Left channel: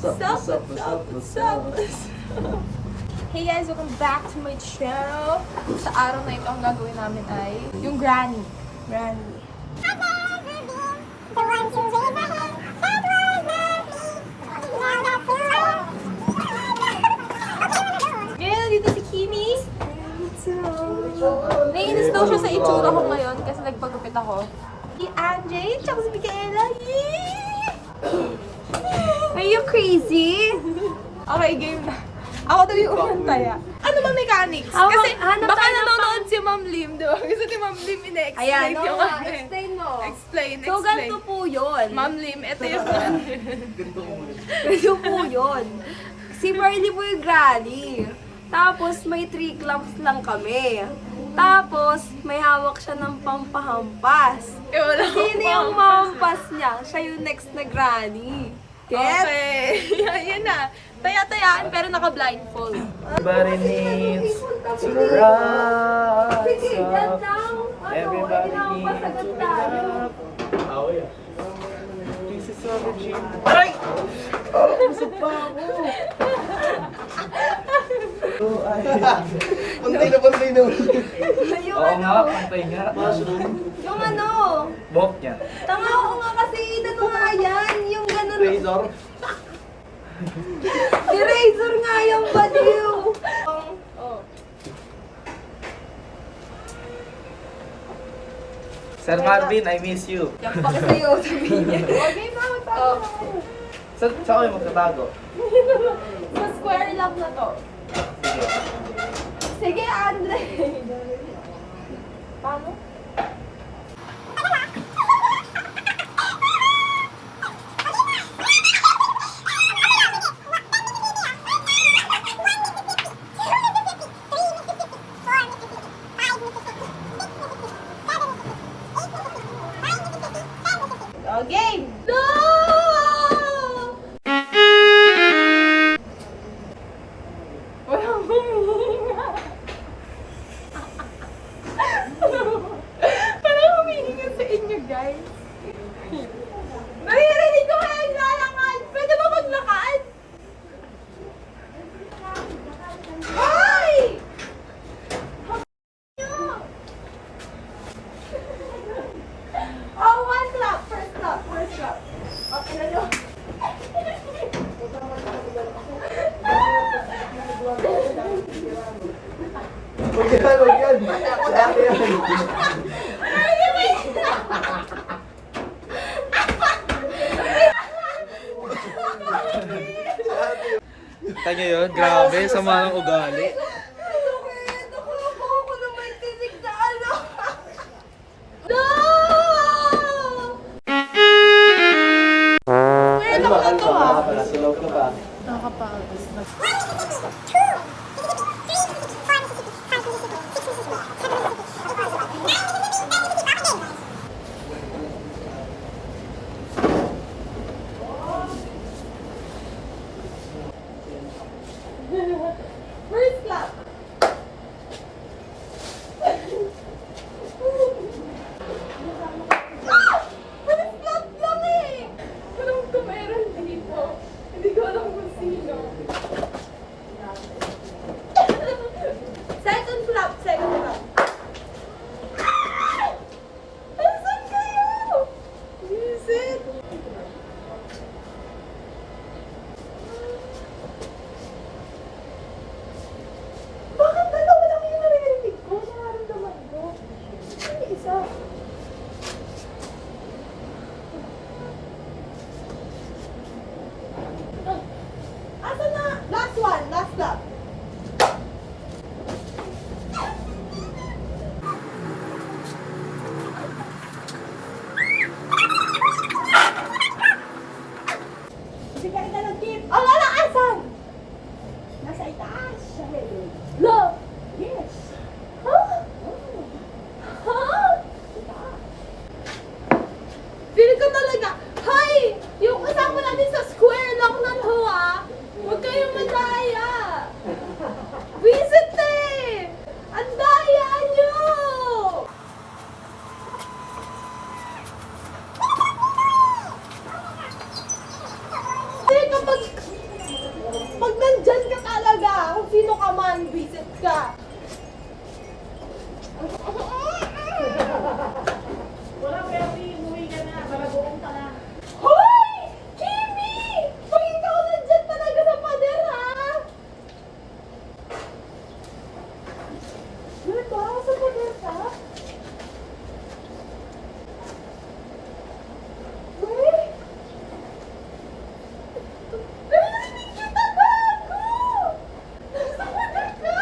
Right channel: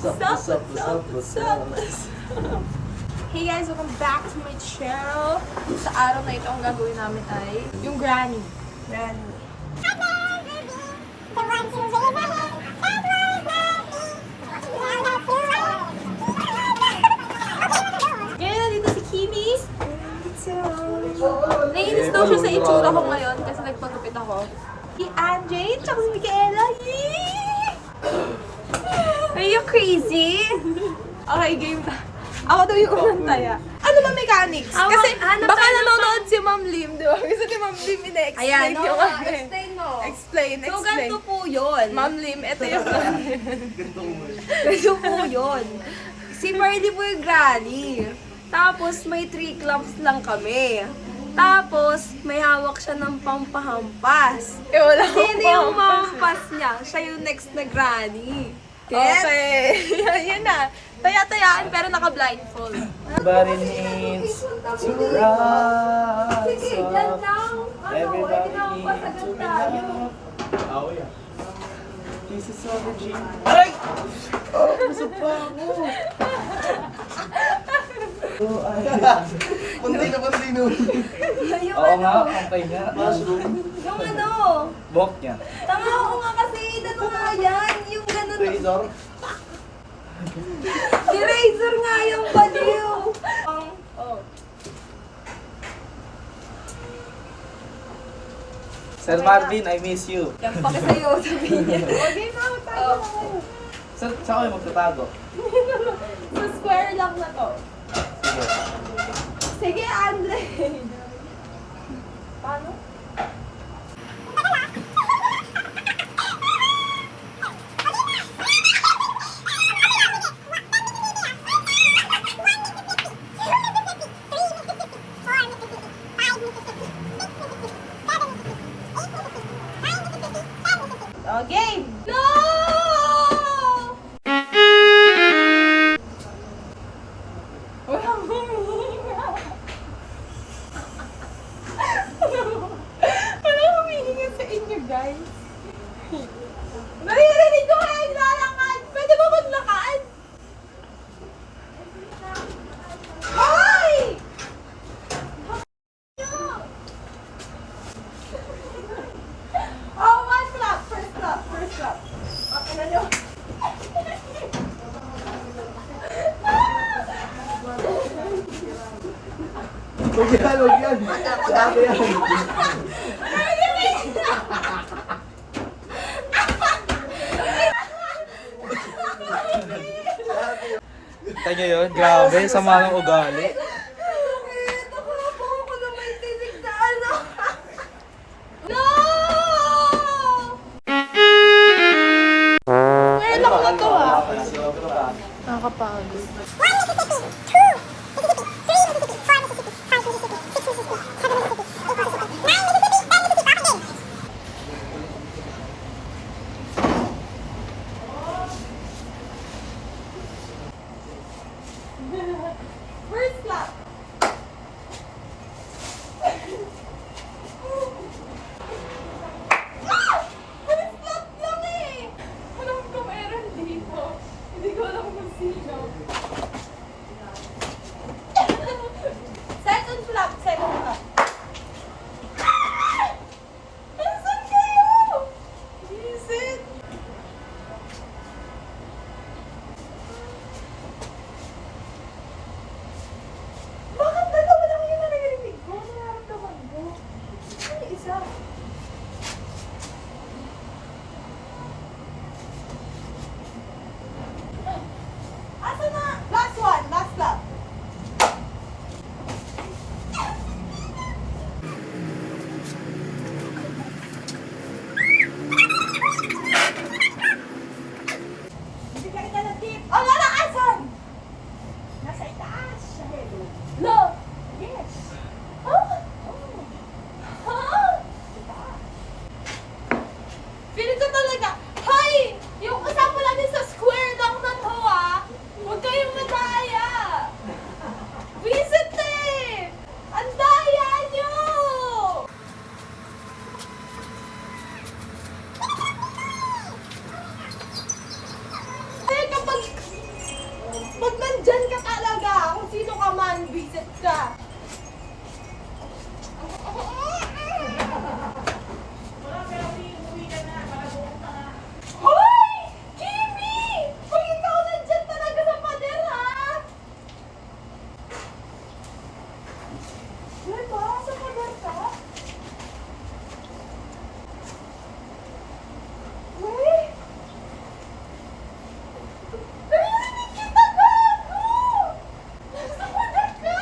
What's up? Hey guys, welcome back to my channel. Sa araw na ito, ang gagawin namin ay yung granny. Granny. Ngayon, nandito si Kimi. Naiinis daw siya sa itsura ko ngayon kasi nagpagupit ako. Si Anjay, tsaka si Micaela. Are you crazy? Okay, game na. Ako daw yung unang taya. Ano ba mechanics? Kasi baka nanonood si Ma'am Lim, di ba? Gusto ni Ma'am Lim ina-explain yung ano. Explain mo. So, Explain. ganito po yun. Ma'am Lim, ito yung Ganito po yun. Si Marley po yung granny. Tapos, may 3 clamps lang kami. Tapos, may hawak siya ng pampahampas. wala Sino yung mamampas niya? Siya yung next na granny. Yes? Okay. Yun na. Taya-tayaan pero naka-blindfold. Everybody needs to rise up. Everybody needs to be up. Oh, yeah. Pieces of a dream. Aray! Oh, busog pa ako. Pantay na. Oo nga, pantay nga. Mushroom. Yung ano? Bok niya. Tanga ko nga kasi inano nga yan. Yung ganun. Razor. Eraser nga yung baliw. Sir Marvin, I miss you. Yan pa kasi yun. Sabihin niya. Saan kayo magtatago? Sa square lang na to. Sige. Sige, Andre. Paano? Okay. No! Walang humihinga. Walang humihinga sa inyo, guys. Naririnig ko kayo naglalakad. Pwede ba maglakad? Ay! Oh, one clap. First clap. Okay na nyo. Kita nyo yun? Grabe, sama ng ugali. Nakuha ko naman tinig na ano. No! Ngayon ako na to Nasa loob ka pa. Nakakapagod. First clap. First clap lang eh. Alam ko meron dito. Hindi ko alam kung sino. naman, visit ka. Hoy! Kimi! Pag ikaw nandyan talaga sa pader, ha? Wala ba? Sa pader ka? Hoy! Narinig kita, gago! Nasa pader ka?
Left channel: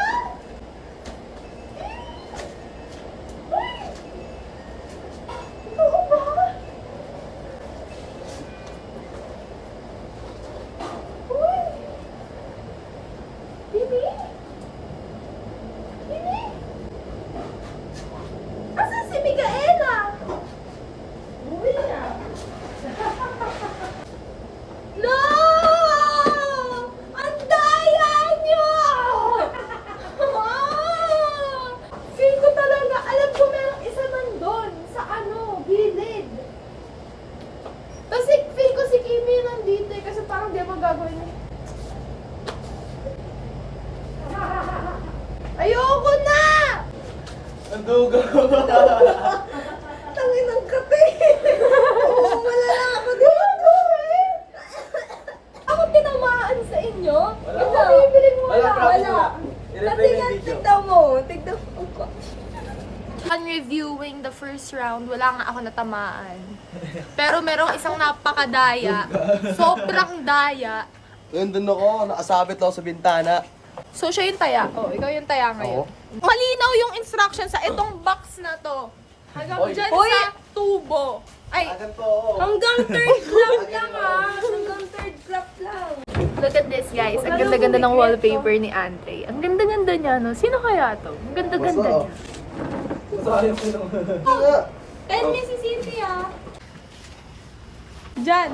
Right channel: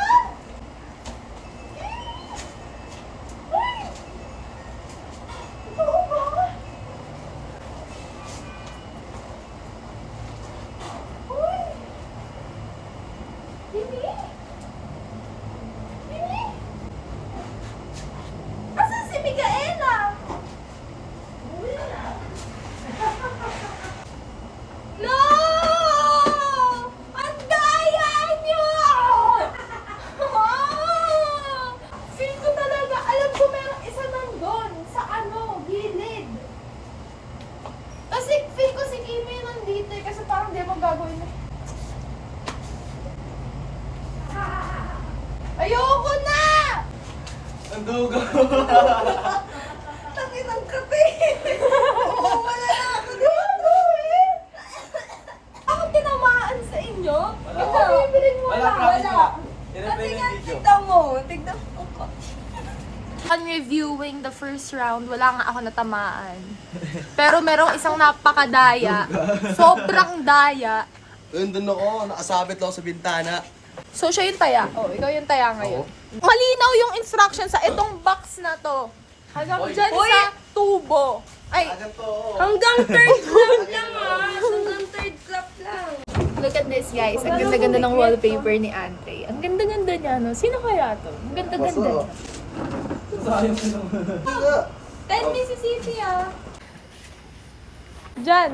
Hoy! Oo ba? Uy! Kimi? Kimi? Asan si Micaela? No! Ang daya niyo! Feel ko talaga, alam ko mayroong isa nandun sa gilid. Kasi feel ko si Kimi nandito eh, kasi parang di magagawin eh. Ayoko na! Ang dugo! Tangin ng kape! Oo, wala na ako dito eh! Ako tinamaan sa inyo? Wala. Ikaw, bibiling mo Wala, na. promise Wala. na. I-replay Kasi mo nga, yung video. tignan mo. Tignan mo. On reviewing the first round, wala nga ako natamaan. Pero merong isang napakadaya. Sobrang daya. Nandun ako, nakasabit ako sa bintana. So, siya yung taya. Oh, ikaw yung taya ngayon. Malinaw yung instruction sa itong box na to. Hanggang Hoy. dyan Hoy. sa tubo. Ay, Agad to, oo. Hanggang third clap lang Hanggang third clap lang. look at this guys. Ang ganda-ganda ng wallpaper ni Andre. Ang ganda-ganda niya, no? Sino kaya to? Ang ganda-ganda Basta. niya. Masayang ko naman. 10 Mississippi ah. Diyan.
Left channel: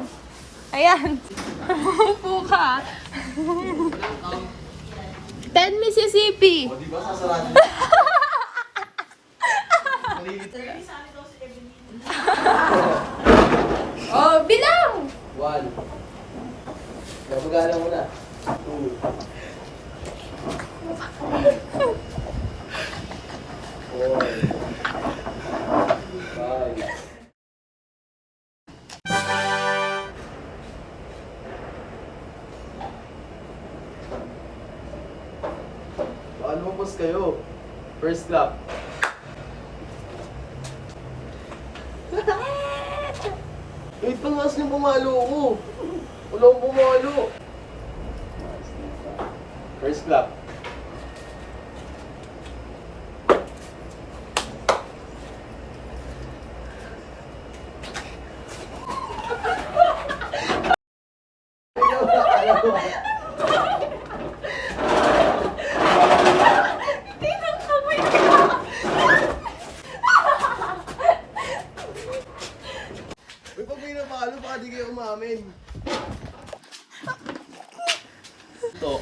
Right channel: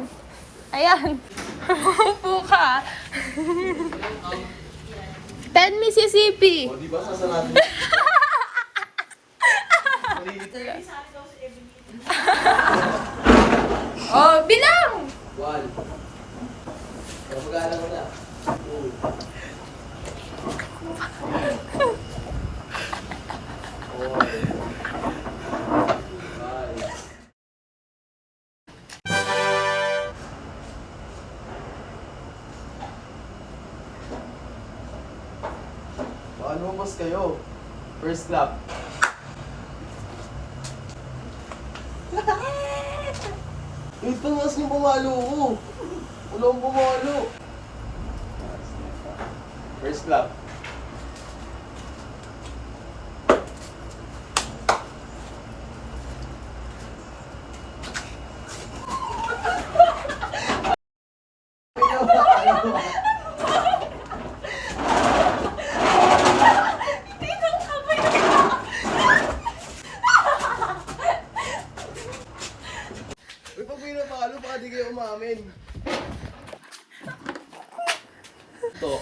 Ayan. Upo ka. 10 Mississippi. O, di ba sasarado? Maligit. Oh, bilang! One. Magana mo na. Two. Four. Five. Paano mo boss kayo? First clap. Wait, pangas niyo pumalo ko. Wala akong pumalo. First clap. Uy, pag may napakalo, baka di kayo umamin. Ito.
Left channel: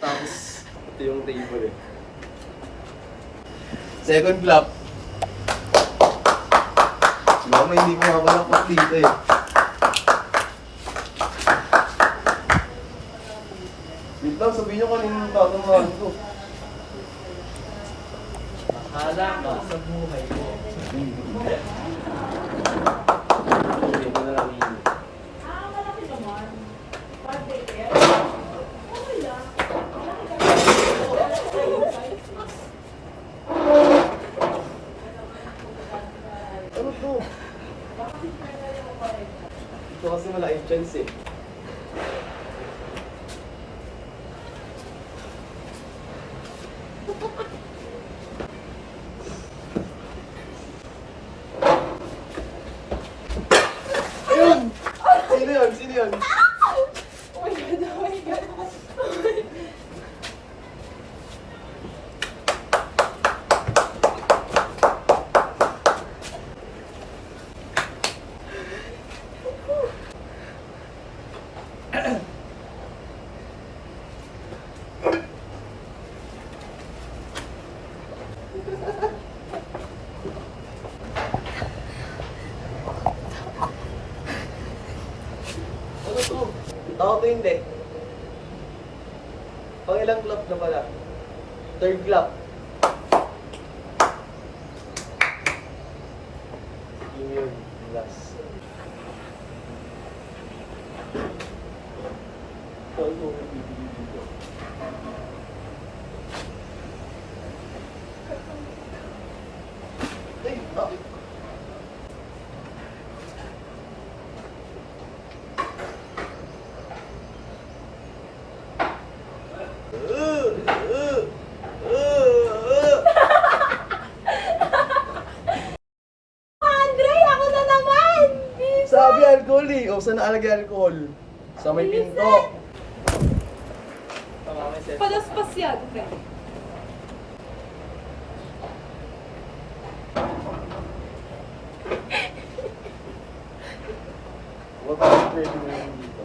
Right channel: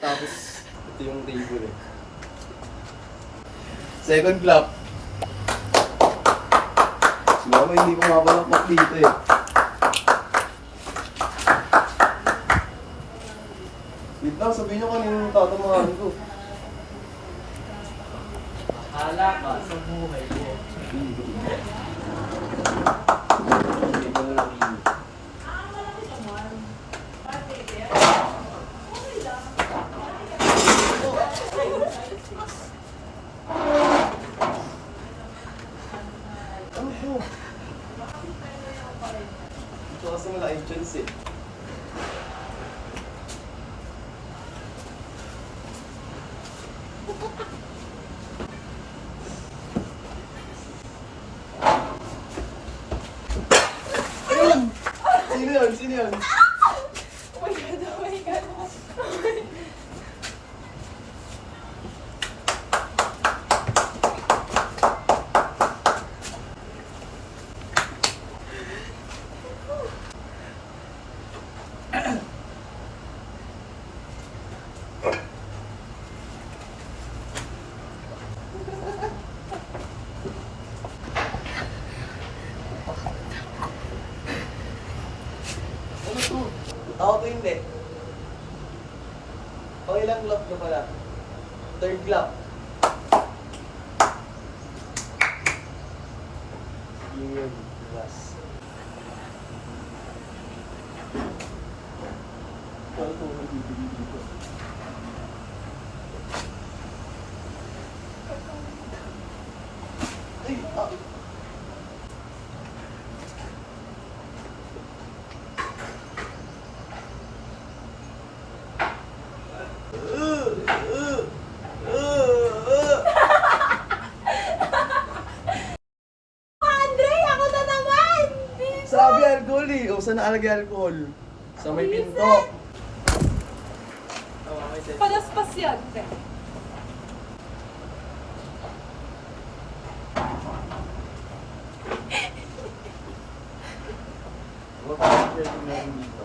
Tapos, ito yung table eh. Second clap. Si mama hindi pa mapalakpak dito eh. Wait lang, sabihin nyo kanina tatamahan ko. Bahala ka sa buhay ko. Ano to? Ito kasi malaking chance eh. Ayun! Sino yun? Sino yun? Ano to? Tao to hindi. Pang ilang clap na pala? Third clap. Yun, last. Ito ang bibili dito. Ay, tapit. Andre, ako na naman! Sabi alcohol eh. O, saan nakalagay alcohol? Sa may pinto. Palaspas yan. Huwag pa pwede mo lang dito.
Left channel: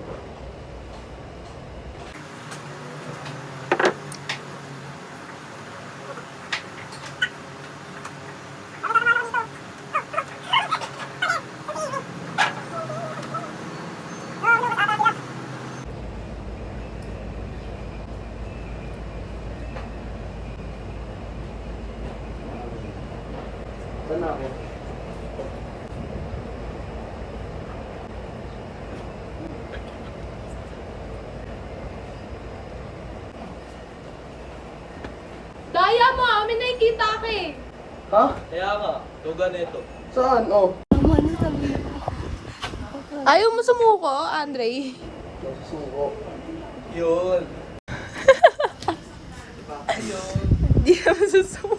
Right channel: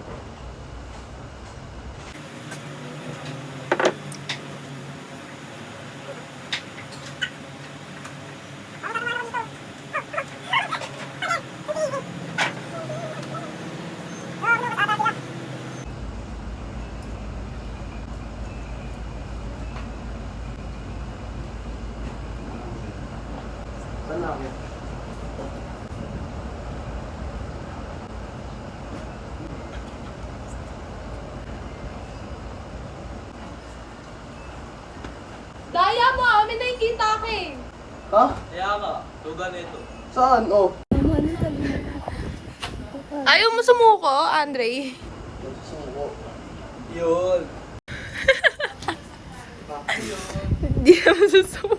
Saan na ako? Daya mo, amin nakikita ka eh. Ha? Kaya nga, tuga nito. Saan? Oh. Ayaw mo sumuko, Andre? Nagsusuko. Yun. Hindi mo susuko.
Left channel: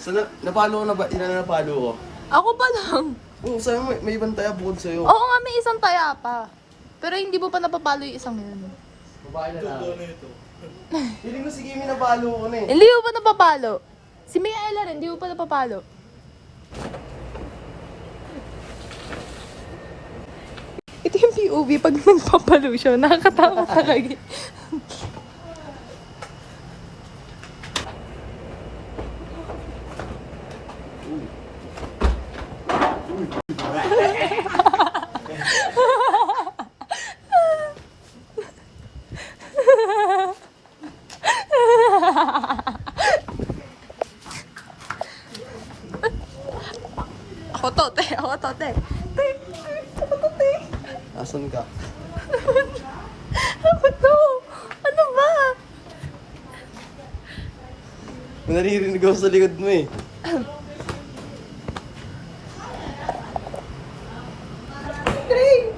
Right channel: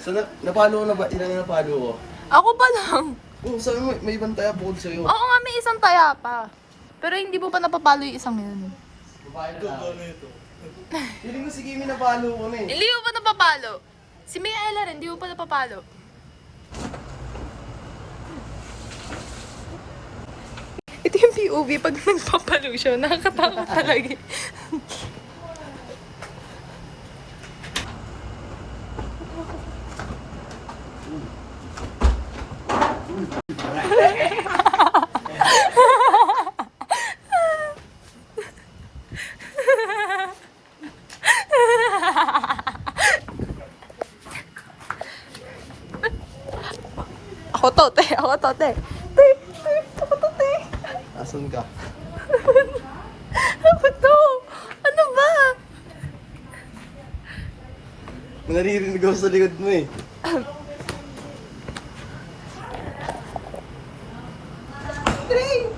Saan na? Napalo ko na ba? Ilan na napalo ko? Ako pa lang. Oo, sabi mo, may ibang taya bukod sa'yo. Oo nga, may isang taya pa. Pero hindi mo pa napapalo yung isang yun. Babae na Tuga lang. nito. Feeling ko si Kimi napalo ko na eh. Hindi mo pa napapalo. Si Miaela rin, hindi mo pa napapalo. Ito yung POV pag nagpapalo siya. Nakakatakot talaga. Ako to, te. Ako to, te. Te, ako to, te. Asan ka? Ako to. Ano ba? May naririnig ako sa likod mo eh.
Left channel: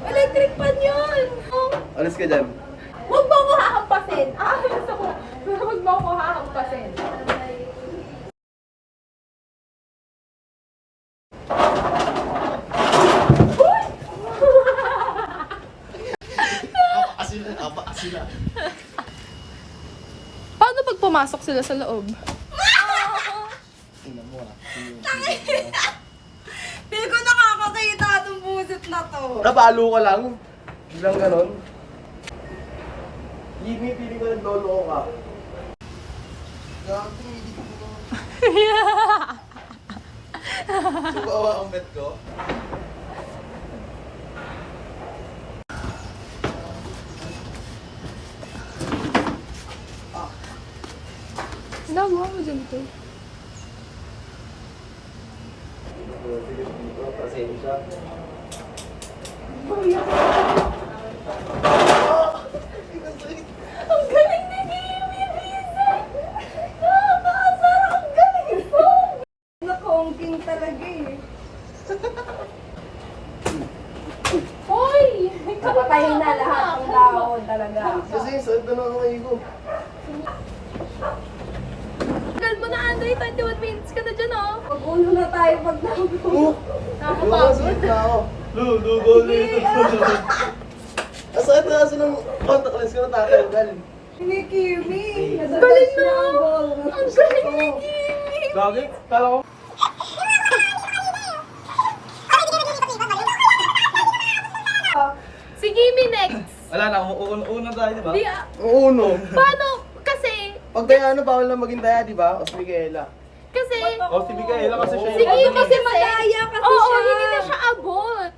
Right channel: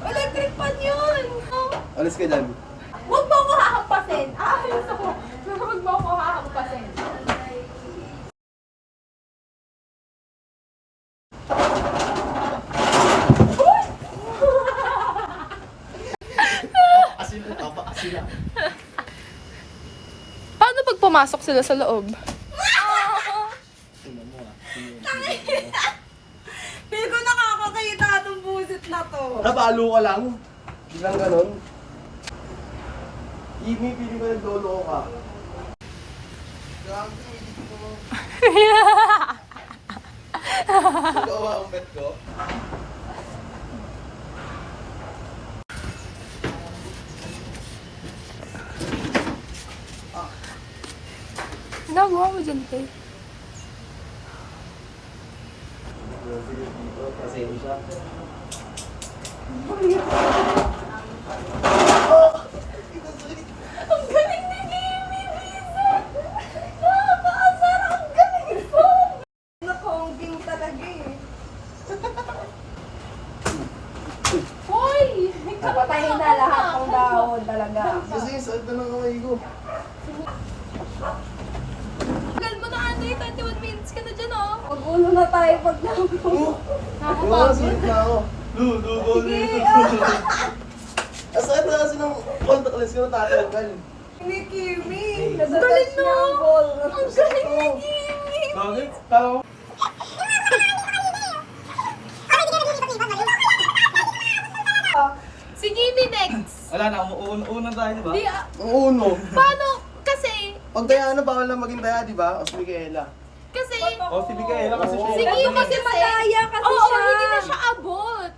Electric pan yun! Alis ka dyan. Huwag mo ako hahampasin! Aalis ako! Huwag mo ako hahampasin! Paano pag pumasok sila sa loob? Tingnan mo ah. Feel ko nakakakita itong busit na to. Napalo ka lang? Bilang ganon? Kimi, pili ko naglolo ko ka. Gago, hindi ko mo. Sugawa ang bet ko. Ginagawa mo dyan, te. Dito, pasensya. Ang galing ni Kimi, Lisa! Nakakaasar! Ang galing ito! Nakongking talaga eh. Hoy! Napatayin na lahat ng dahon talaga. Kasi sakit na lang ang ko. Tagal mo na, Andre. 21 minutes ka na dyan, oh. Pag-ulo na tayo pag nabuo. Nakakapagod. na ako. Lugo nito. Asakit na kasi ng contact lens ko na tatanggal. Ni Kimi. Ang galing na! Ang galing ni Kimi! Gagi, kala ko. Si Kimi next! Wala na, una tayo, di ba? Di, Ang uno. paano? Kasi, Pag kaya bawal na maging taya, di ba? O si Micaela. kasi, O, si Micaela kasi siya. si Kimi kasi Malaya kasi Oo, siya. hindi na siya abot.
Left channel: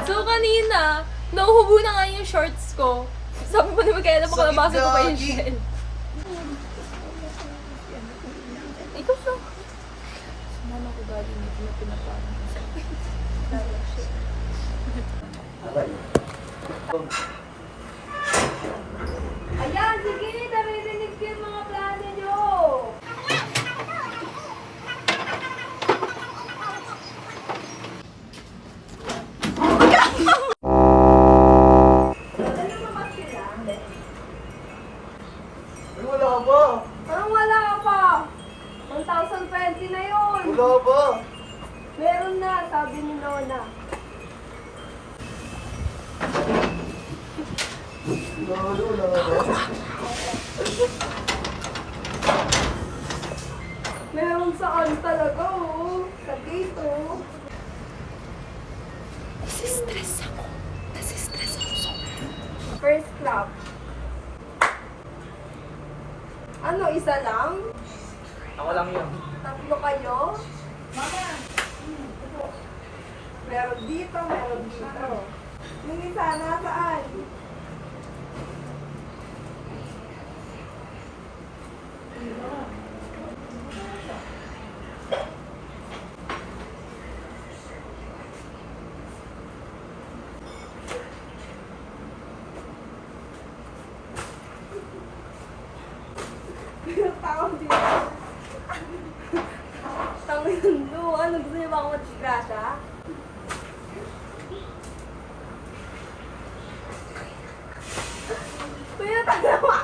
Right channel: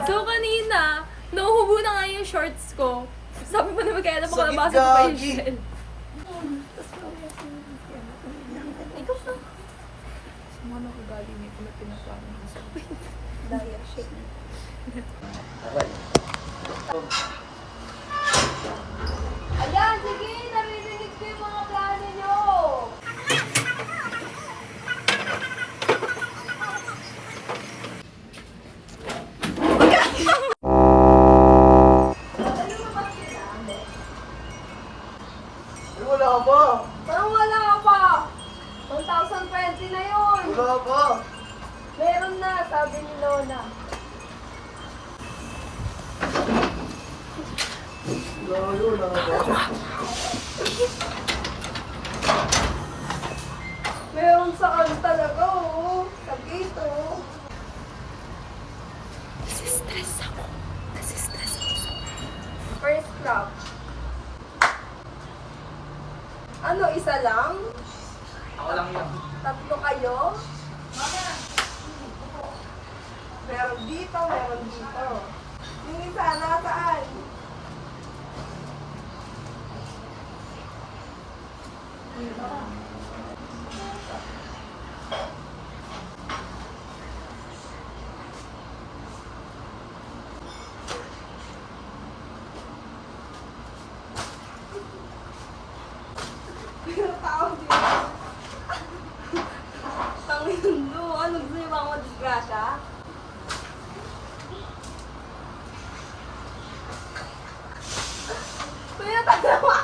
So, kanina, nauhubo na nga yung shorts ko. Sabi mo na Micaela, baka Sakit, nabasa ko pa yung gagi. shell. Ikaw na. Mano ko galing nito na pinapano ko sa dahil shit. Ayan, sige, naririnig ko yung mga plano nyo. Ay, wala ka ba? Parang wala ka pa. 1,020 na yun. Wala ka ba? Meron na, sabi ni Lola. Wala ka ba? Meron sa kan talaga, oo. Sa gate, oo. Nasistress ako. Nasistress ako. First clap. Ano, isa lang? Ako lang yun. Tatlo kayo? Meron dito, meron dito. Yung isa nasaan? Tawag dito. Tangin do. Ano, gusto niyo ba akong madisgrasya? Kuya, tatawa!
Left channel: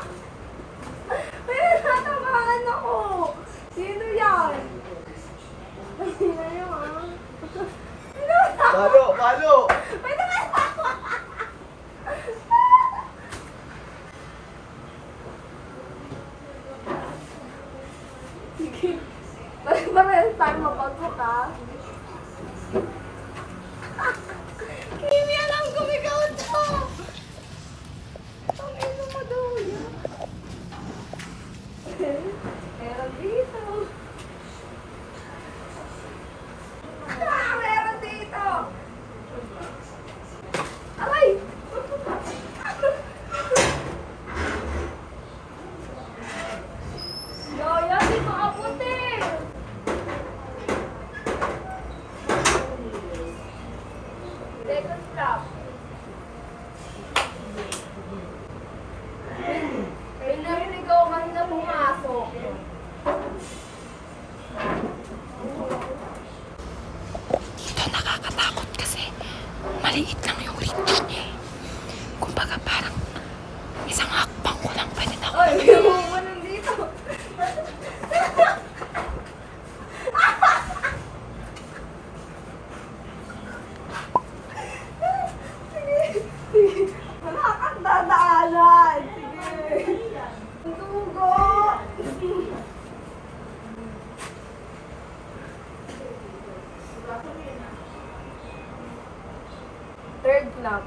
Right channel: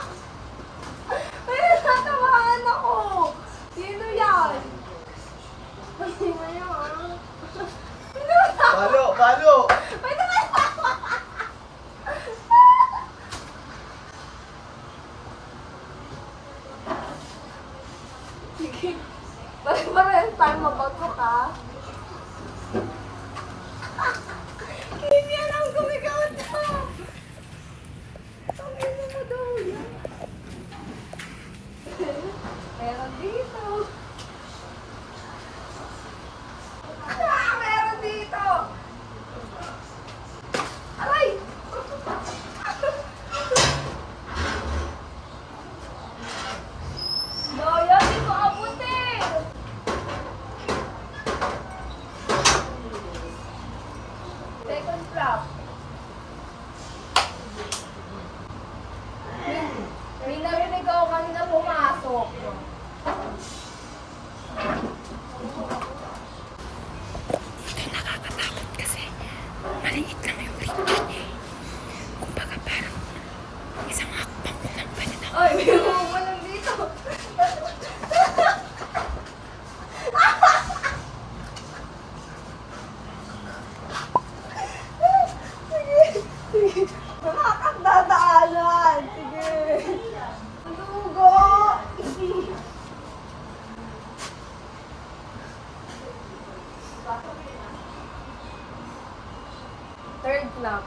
Kuya, tatawahan ako! Sino yan? Sino yan? Palo, palo! May tumatawa! Sige. Parehas tayo mapagkat, ha? Hindi alam kung ikaw ito! Ang ino mo daw yan. Meron dito. Meron dito. Aray! Gaya, di ko abuti! Second flap. May narinig ako kanina pumasok. Ito nakakatakot kasi maliit lang yung reach niya. Kumbaga parang isang hakbang ko lang pwede na. Ay, may bumubunan dito. Sige, sige. Nakakadadaanan. Sige. Dugo. Third clap.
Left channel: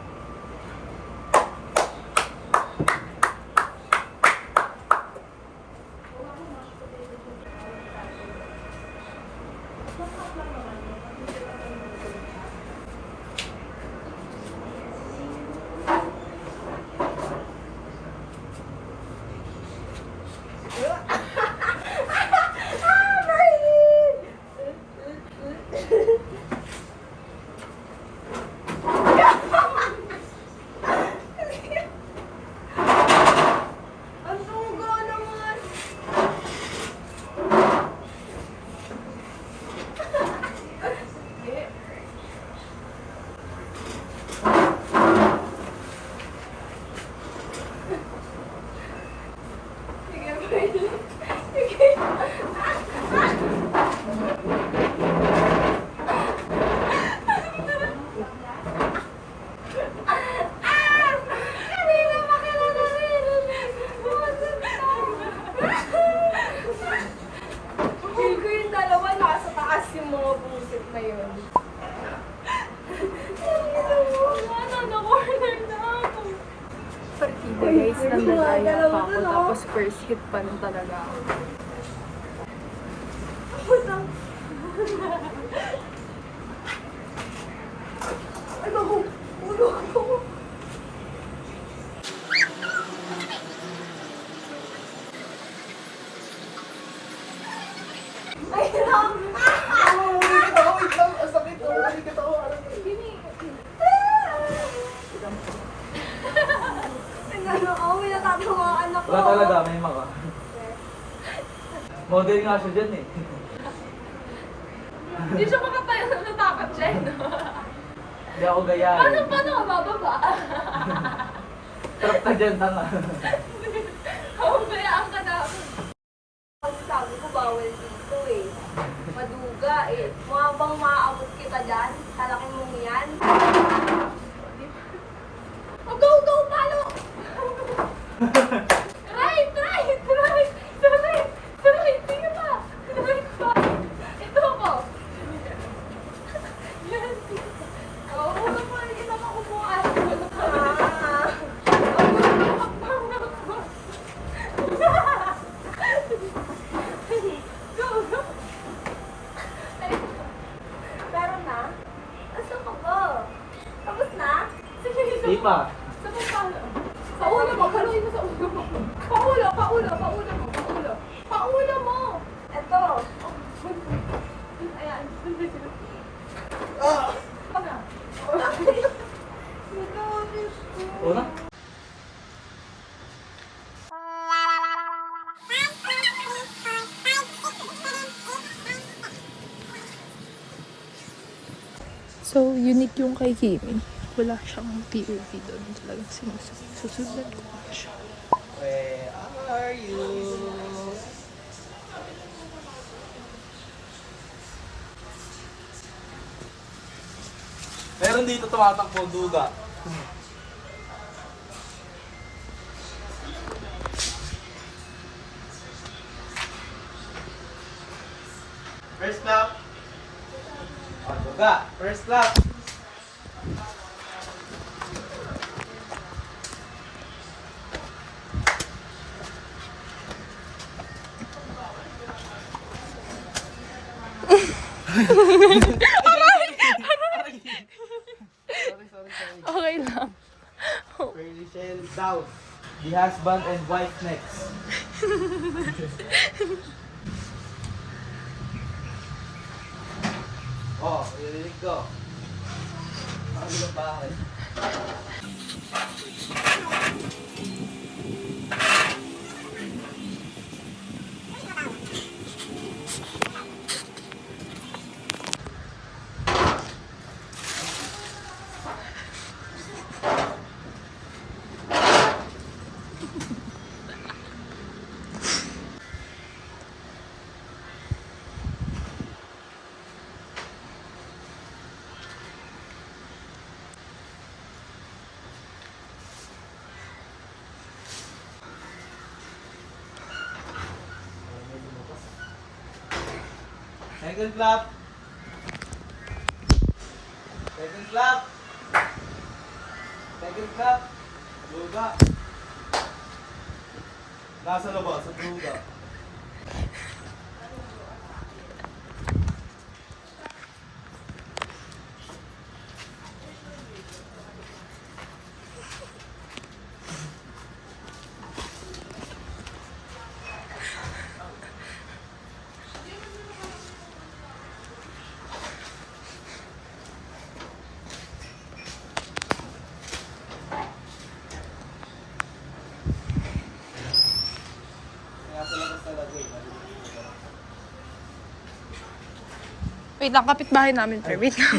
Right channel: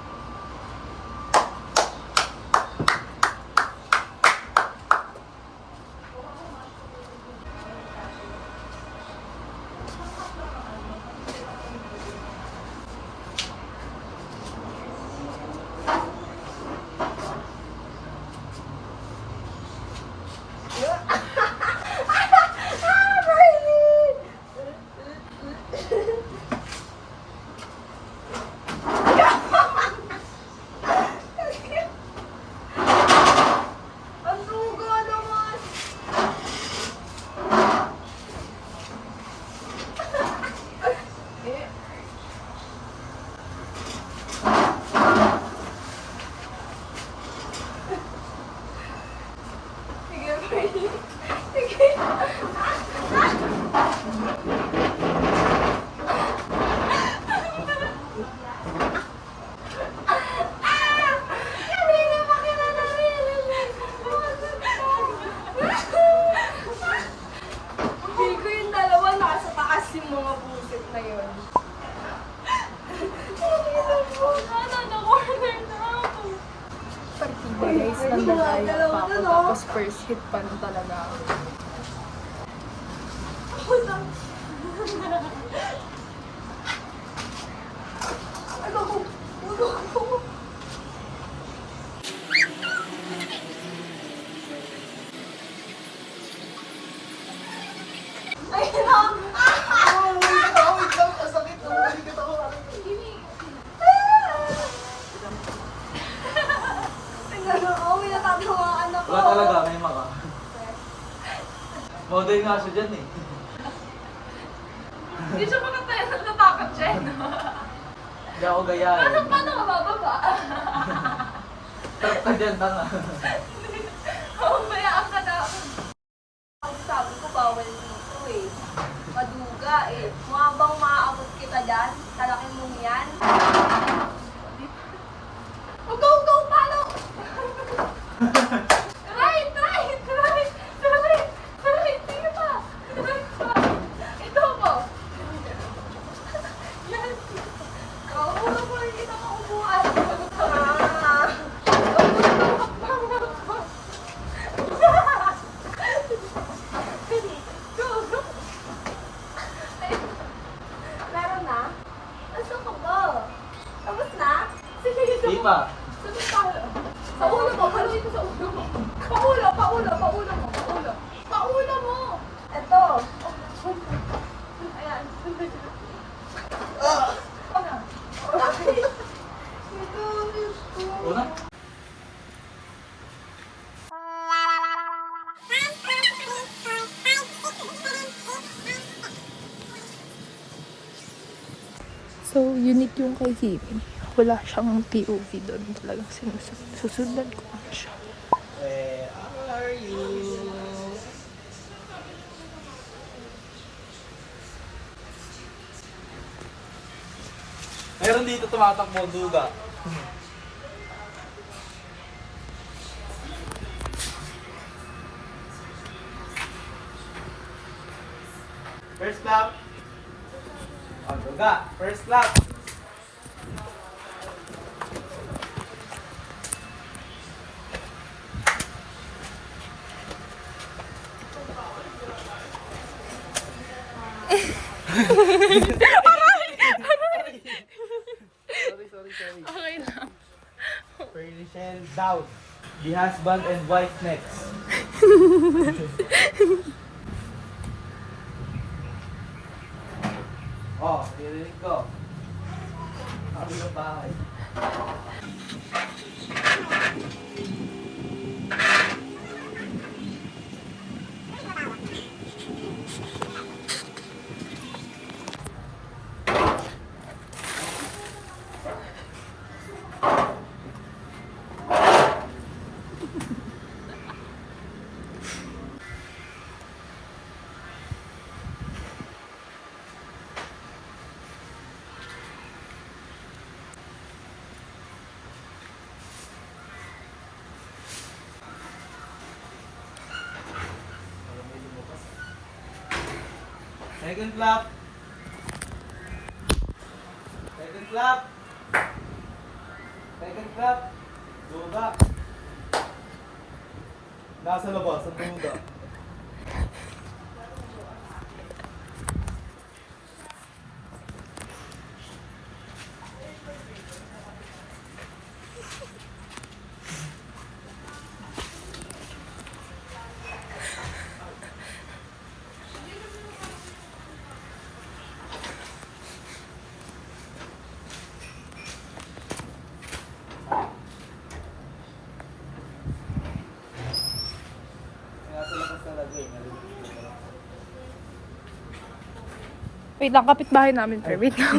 Ang dugo naman. Sige, Brady. Sige. Hindi na Feel ko yung dalawa nasa taas yung mga busit na yun. Na-corner na ako. Partida guys, nandalaya pa ako. Tapos first hit pa rin talaga ako. Model nga siya dyan eh. Hindi siya makatayo na natakot siya, no? Hindi ako gayahin. Paano ka bababa? Trap ka dyan, tanga. Humayaan ka na. Sabi ko, bawal dito eh. Maduga eh. Mga bang maaabot kita dyan? Kalaki mo yan? Oh, go, go, palo! Try! Sige pa! Try pa! Ito ko! Yes! Oh, wala pa rin kita maupuan. Go, go! Meron na? Gusto ko go. Tapos na? Sige, Di pa. sabay palo. Sa ulo mo, paluin mo sa ulo mo. Paulo mo. Ito. Ayan. Una? So, unique yung kay Kimi. Wala siyang POV doon. Talagang susundan ko lang siya. Where are you? Meron dito tumatakbo duga. First lap. Duga. First lap. Okay lang. Pearly Shell down. The husband and wife next. Oh, narinig ko. Ang ilo bahay. Second clap. Second clap. Second clap. Luga. Nasa labas, sa luga. Nasa labas talaga eh. Narinig ko talaga. Wait lang, kapitbahay namin, pero wait lang.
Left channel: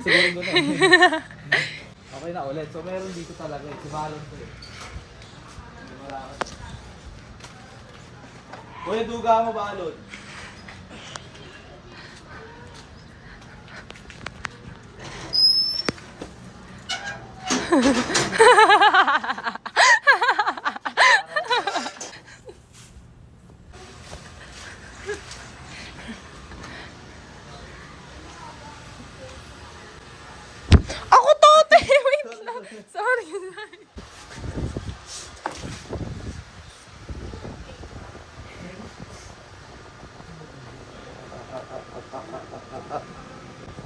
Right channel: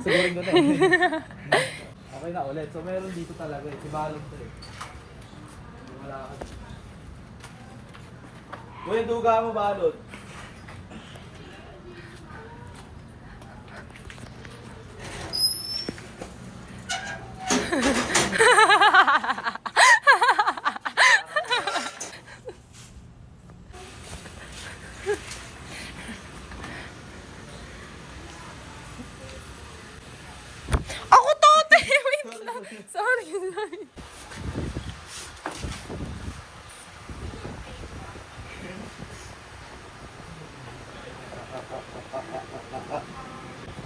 Siguro ko na eh. Okay na ulit. So meron dito talaga eh. Si Balon to eh. Lumalakad. Kuya, duga mo Balon. Ako to! Wait lang. Sorry.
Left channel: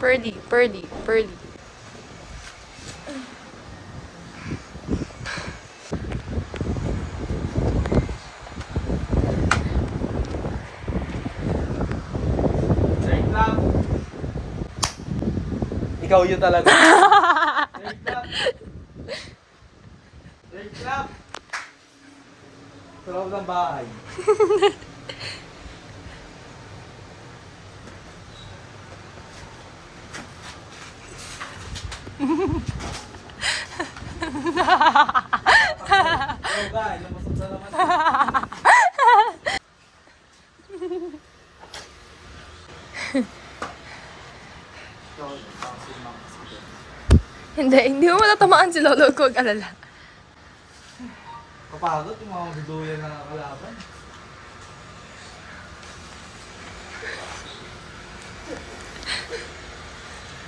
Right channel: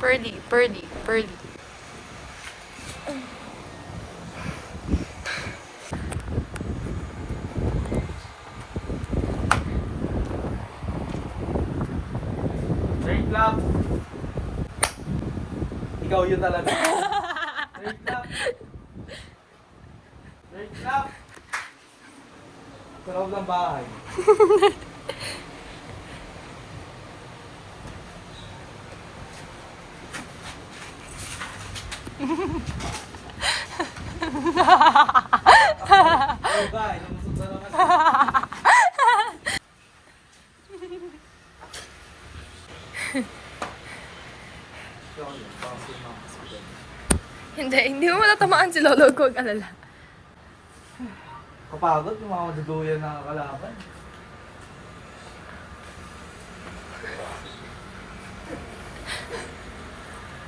Pearly. Third clap. Ikaw yun talaga. Third clap. Third clap. Sa loob ng bahay. Duga, lumusot na naman. Hindi mo matatamaan si Lolo, huwag alala. Kapagod yung mga maduduyan na kalaban.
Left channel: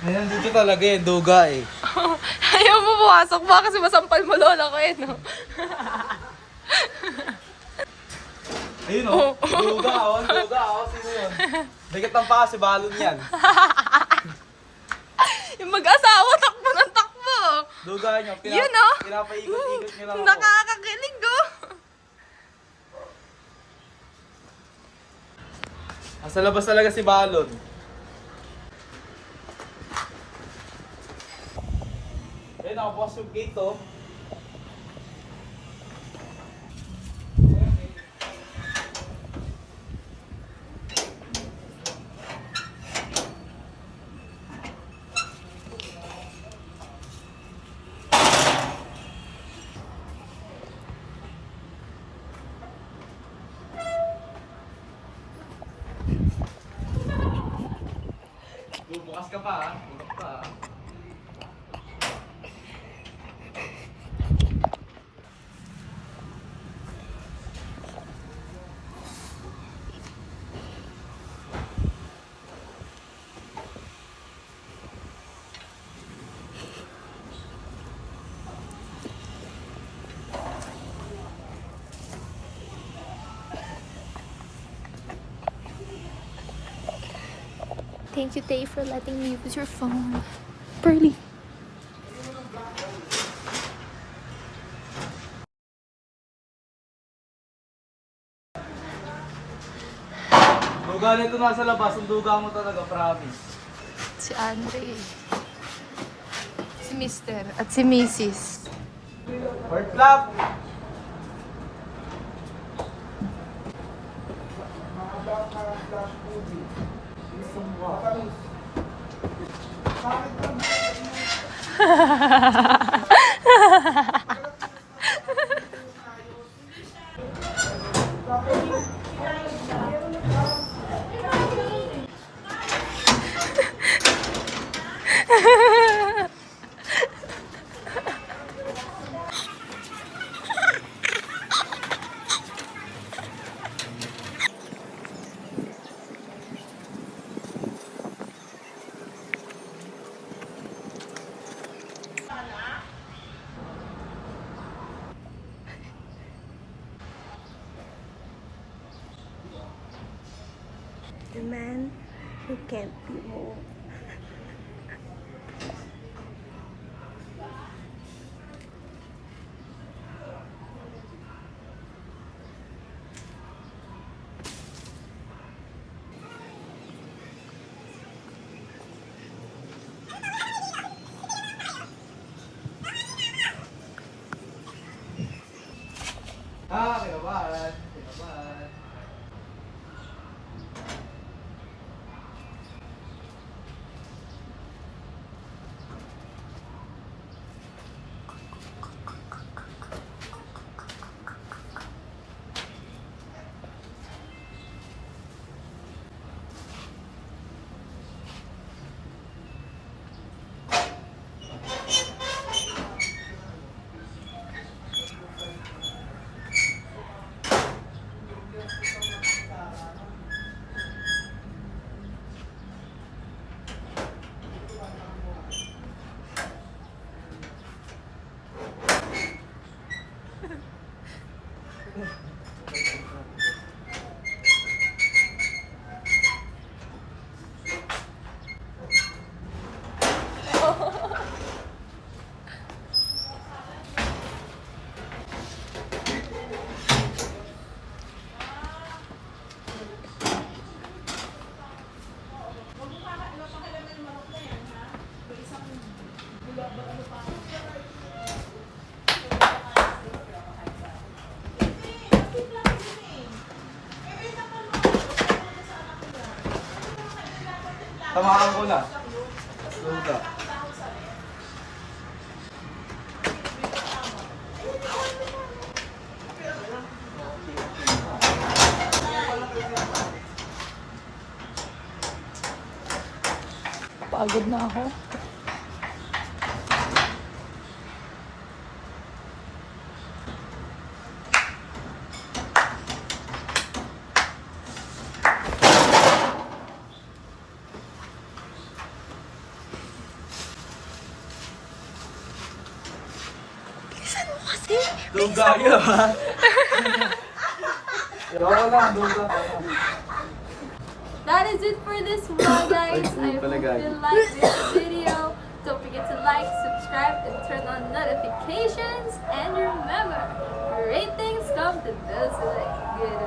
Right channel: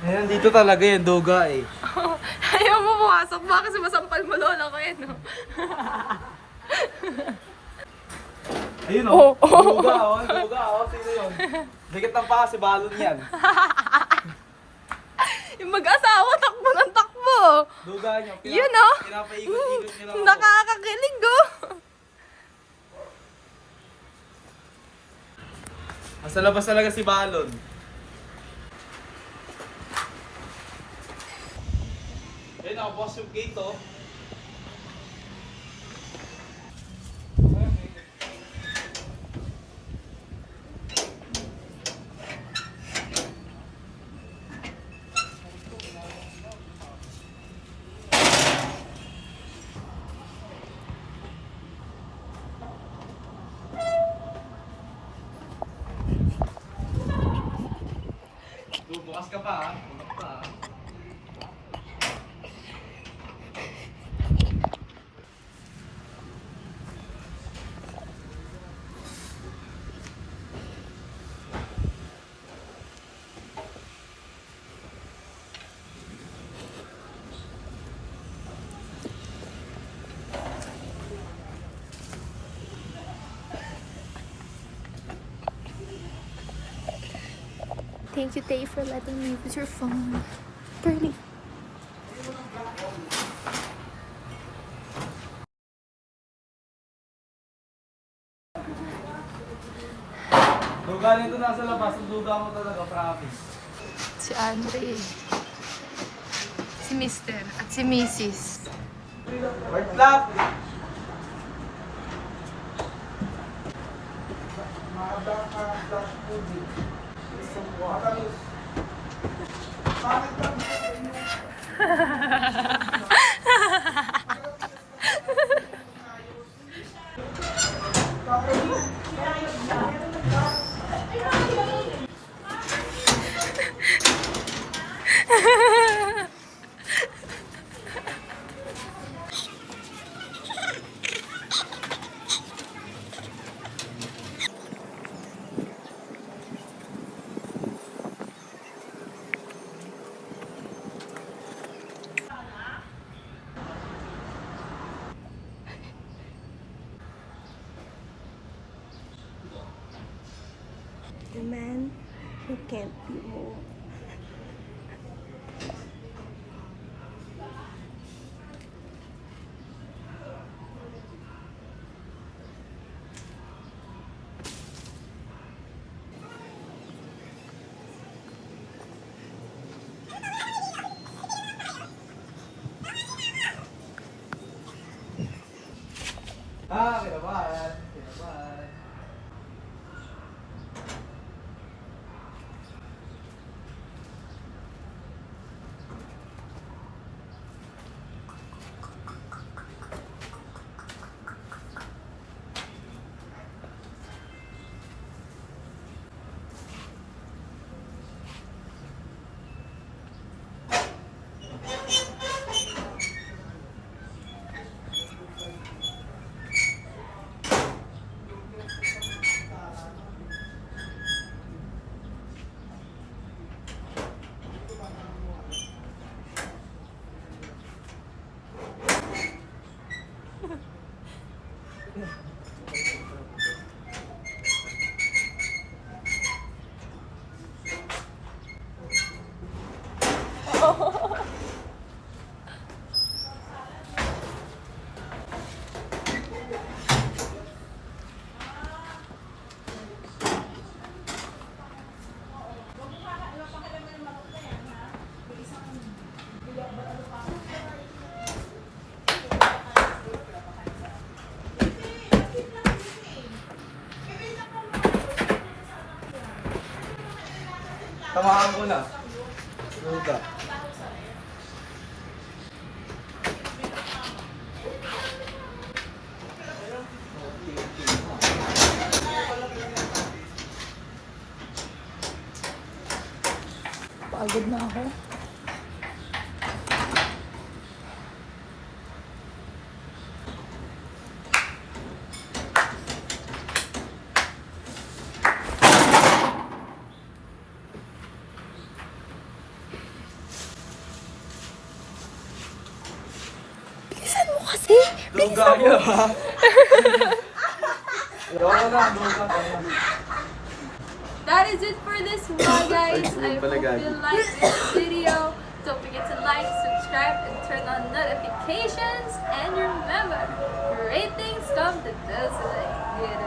Ngayon dito talaga yung duga eh. Ayaw mo pumasok ba kasi masampal mo Lola ko no? Ayun oh, duga oh, sino yun? Bigat ng paa si Balong yan. Yung mag-asawa, takbo ng takbo. Duga niyo, Yun oh. pinapaikot-ikot niyo lang ako. Nakakakilig oh. Sa labas talaga si Balon. Ayun, nakabukas yung gate oh. Bukas ka pa ha. Bukas pa ha. Thank you, Tay, for letting me use your phone. Pearly. Duga nito nasa labas, ang duga mo talaga, promise. Si Andre. Si Mr. at si Mrs. Word clap! The man who can't be moved. Kinabahan. Kinabahan. Tamaan ko na. Hold up. Pagod na ako. Bilisan mo kasi. Doon gaya ha. Doon lang. That is it for this vlog, guys. I hope pala, you like this video. Don't forget to like, subscribe, and turn on notifications. And remember, ratings come to those who like good.